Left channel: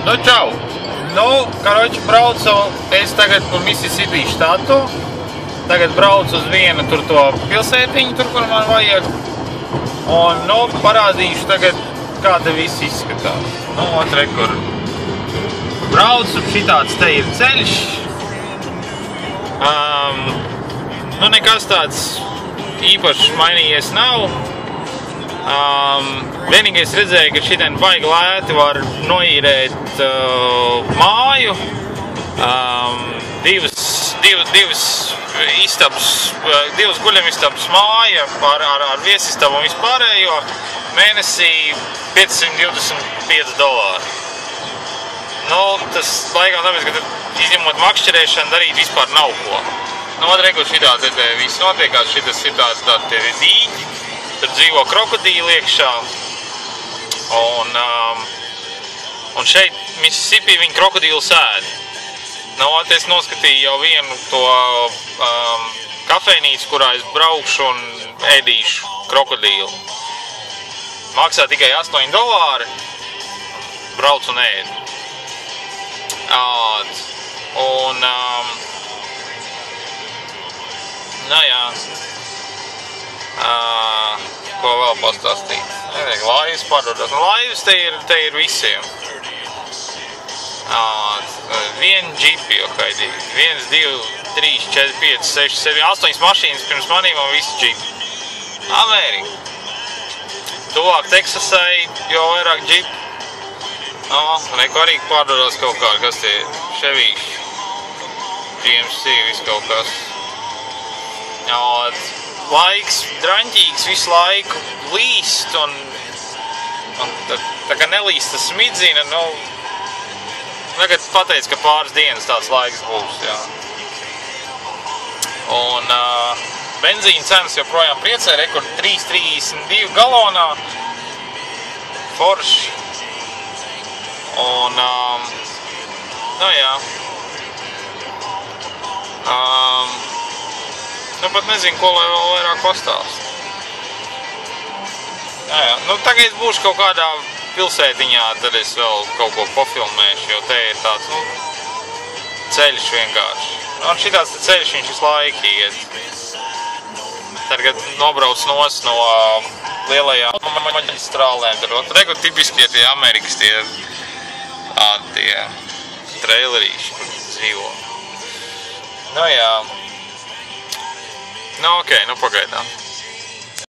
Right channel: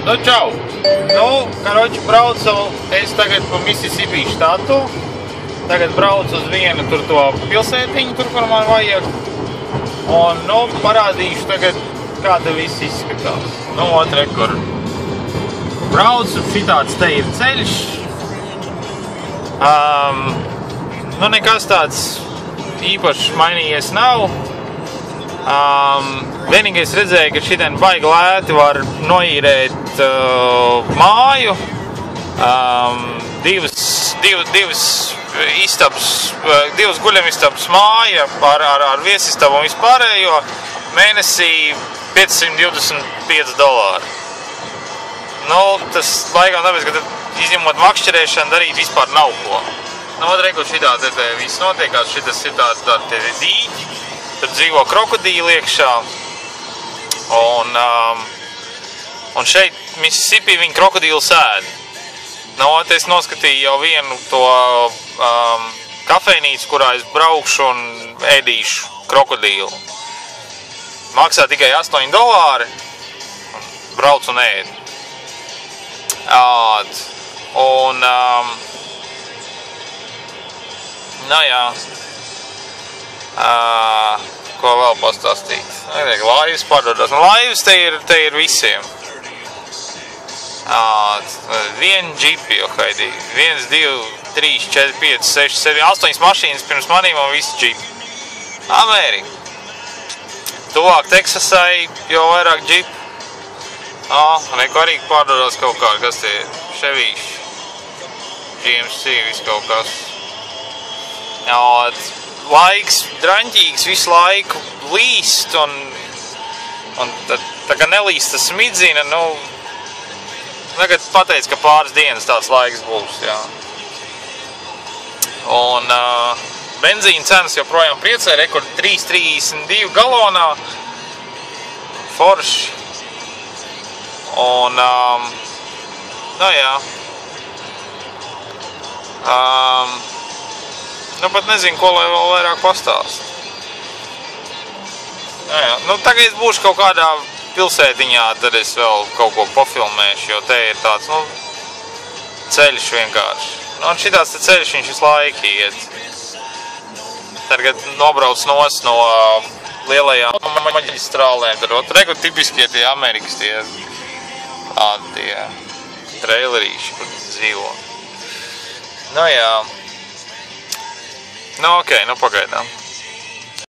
Nu, čau! Nu, karoči, braucu es tagad pa Mississippi štatu. Tagad braucu uz vienu tur to pilsētiņu, tur, kur man vajag. Un, nu, parādīšu tagad, kā te viss izskatās. Nu, otrē, kur braucu, šitāds te ir ceļš. Nu, nekas tāds īpašs mainījies nav. Vienīgais redzēju, ka šitien baigi lēti var noīrēt māju. Divas istabas, divas guļamistabas māja ar viesistabu un vispārējo mēnesī $525. Nu, tas laikam tāpēc, ka izņemot makšķerēšanu darīt vispār nav ko. Nu, reku šitā te viss notiekās, šitas ir tāds te dīķi. Tur dzīvo krokodīli iekšā, un šeit Mississippi viņi krokodīli sēd. Nu, es noskatīju jau vienu to kafejnīcu, kurā es braukšu un ēdīšu krokodīlu. Maksā tikai $8, brauc un ēd. Un, nu jā. Ko vēl pastāstīt? Laivas pārdodās. Laivas te ir visiem. Vienu džipi jau haidī. 1, 2, 3, 4, 5, 6, 7, 8 mašīnas pirms manīm un visi džipi. Amerika. Tuvāk Teksasai jau vairāk džipi. Neko arī pārdodās kaut kā, kas tie Chevīši. GMC, viss kaut kas. Laiks draņķīgs visu laiku līst un tā kā nelīst tas smidzina, nu, tagad pateic, ka pāris dienas tāds laiks būs, jā. Un benzīna cenas joprojām priecē, rekord 3,32 galonā, forši. Un, nu jā. Nu, pat nezinu, ko lai vēl vairāk pastāst. Jā, nu, tagad es būšu kaut kādā pilsētiņā, tad es vēl kaut ko pofilmēšu, jo te ir tāds, nu, ceļš vienkārši. Nu, un šitāds te ceļš viņš visu laiku iet. Tagad nobrauc nos no lielajām maģistrālēm. Tur reku tipiskie tie Amerikas tie trailerīši, kur dzīvo. Nu, jā. Nu, ok, nu pagaidām.